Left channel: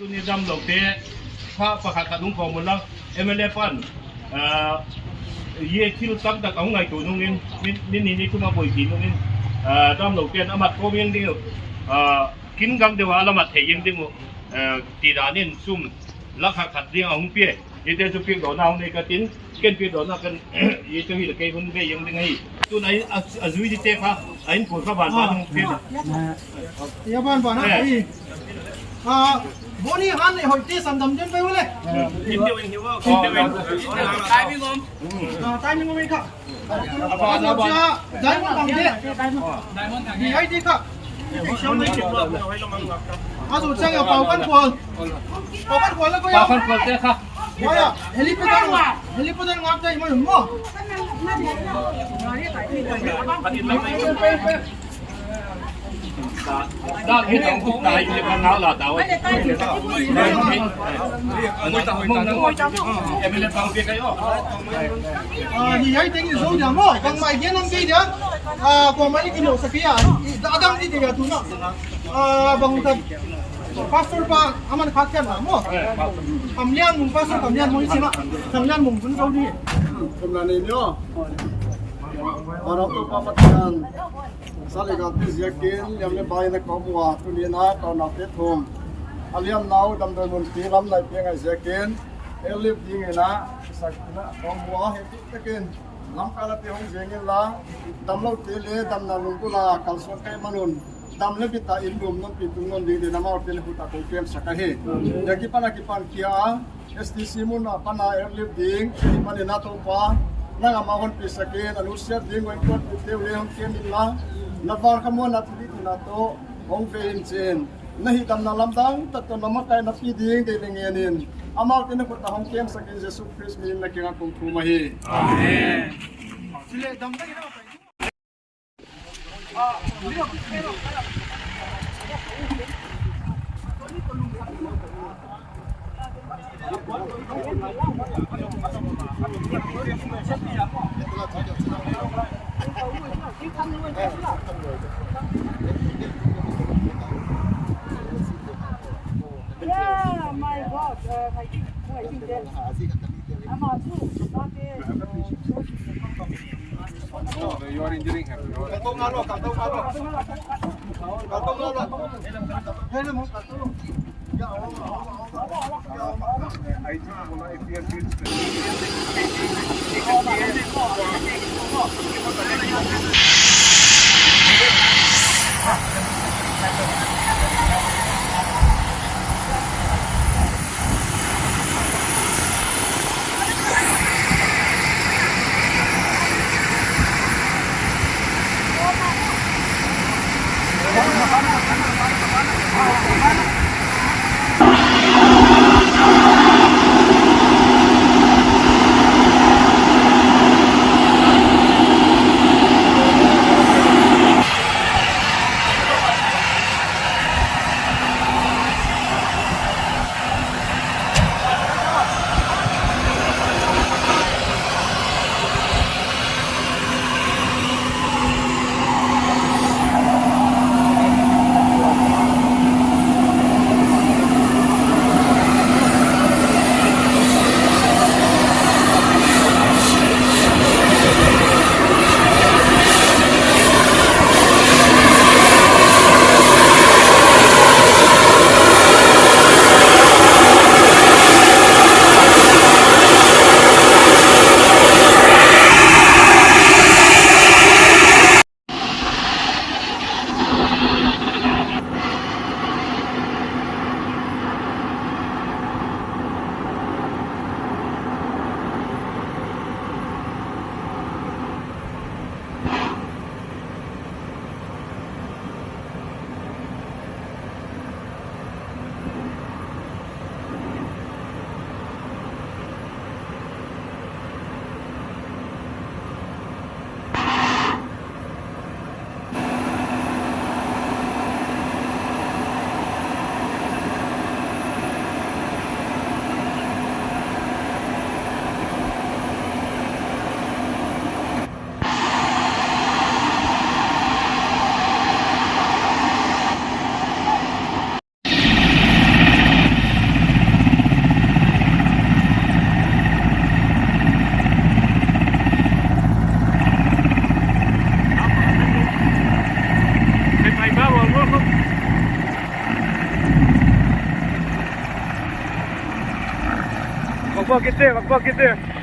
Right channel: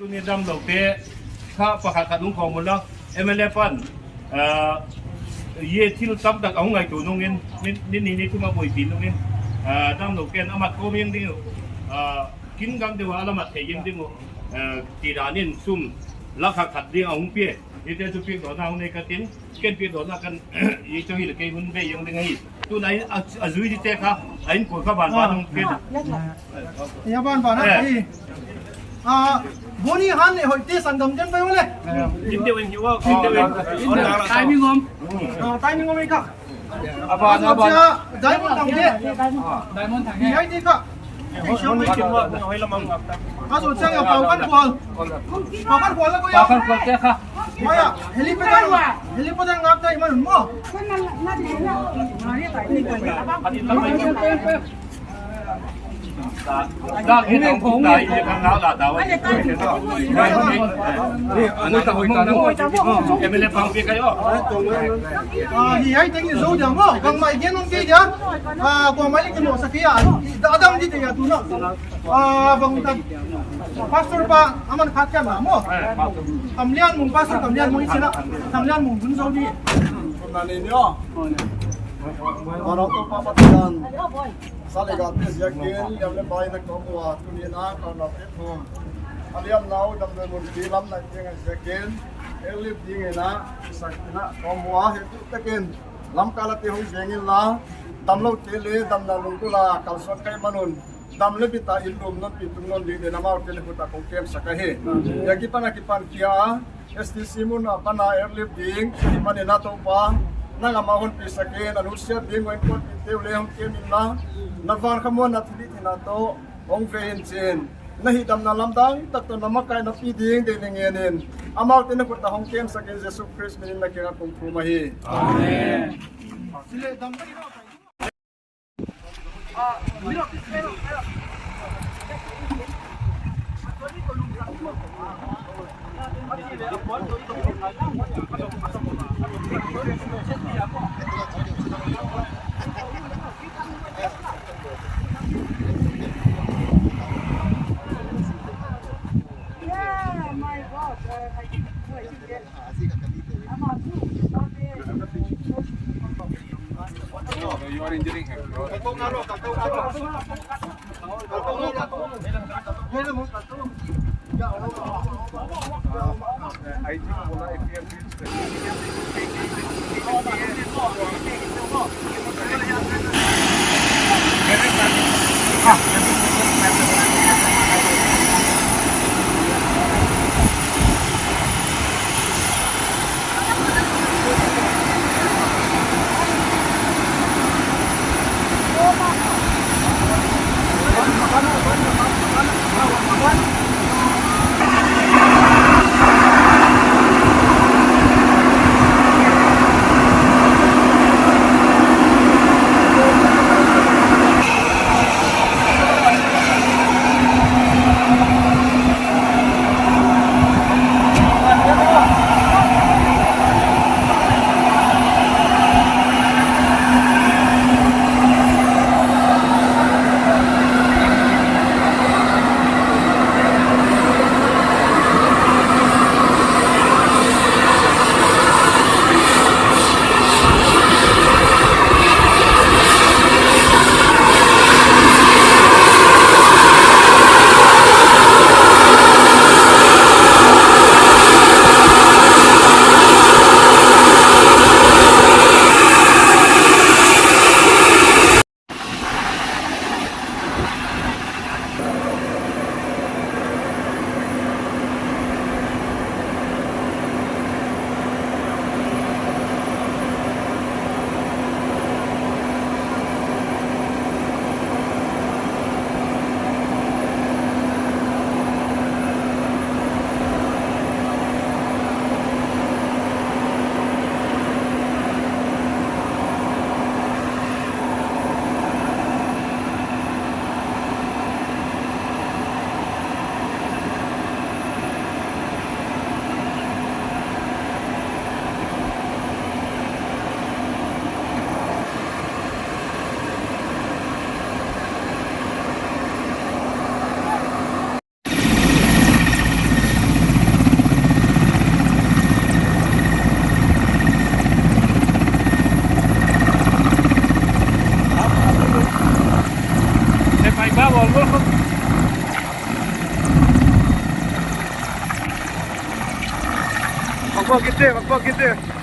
ตัวนี้ดำหลบเป๊ะข้าประคัดลุงของหมดแล้วMLAฟันเยี่ยที่เราตั้งแต่เอาไงตัวน้องนี่คือมาบ่อยกินน้องนี่ดำหลบเป๊ะอามัดโคมยังดีกินกันเดี๋ยวอามัดเทยังดีหมดตีดานี่ซุ่มลักขัดเรียงเอาหุ่นเป๊ะยี่เจ้าจะเปียกโดนเอาในกระตินเกินเปียกโดนกันยี่เจ้าที่ละเกยหุ่นเป๊ะยังได้ไงตัวไหนอายุที่เจ๊ค่ะไอ้ปวดข้าบ้านบ้านเป๊ะยาบ้านบ้านนะบนี่ฮันเนี่ยหอยตีสันดำเต็มไปหมดเลยกินเดียวเองหิวว่ากินเดียวเองตายมีงมตายมีงมอีกค่ะอาบานอาบานได้หมดทั้งเดียมีให้ดีค่ะช่วงนี้กินว่าให้ละมังสุดเชียงเป่ากันขวานแล้วก็ป่ากันขวานเจ้าค่ะว่าเฮลิคอปเตอร์งับได้มันมั่วด้านนี้ต้องได้ยังไงน้าละดาวนี่อันนี้ต้องมุ่งมุ่งไม่ได้ฟังเพียงแค่นี่ให้ถึงจะสู้จังมั่วบางไม่เห็นน้องพี่เดียวบางไม่ได้กินหมูสักอย่างadam di dia tu nak bang tak pastor pa aman khatkan lah mo kamlian mung pastor kamlian mung sila kamlian mung bun saudi kamlian ini yo orang tu pamatian salegat yakin yang lebay na komwa tulina tauna petum alian nau dam do mun tilam lai penga yakin elip dingena sakna komwa hetu takin lam kala te hong jengin la tamlo tele dam na lungkula kalsot kai manun dam le bita ilum non pitung non de namau tele huta ko kem sakahe yaki pana kipan kia STC mun pana airlift ding si mani na to pa nanga mahon pi saken anusia ding wen ko teule hong kem la navar kamon na thili na to hong vein chen nahi dam na lamdang tak to namakai na pi ding de dengenin amal tene ko ta hong kem saken Jesus Christ min na kinga kong thumahi amen sile dam ta ina pa mira You're injuring him. I think bola Magpakit eh.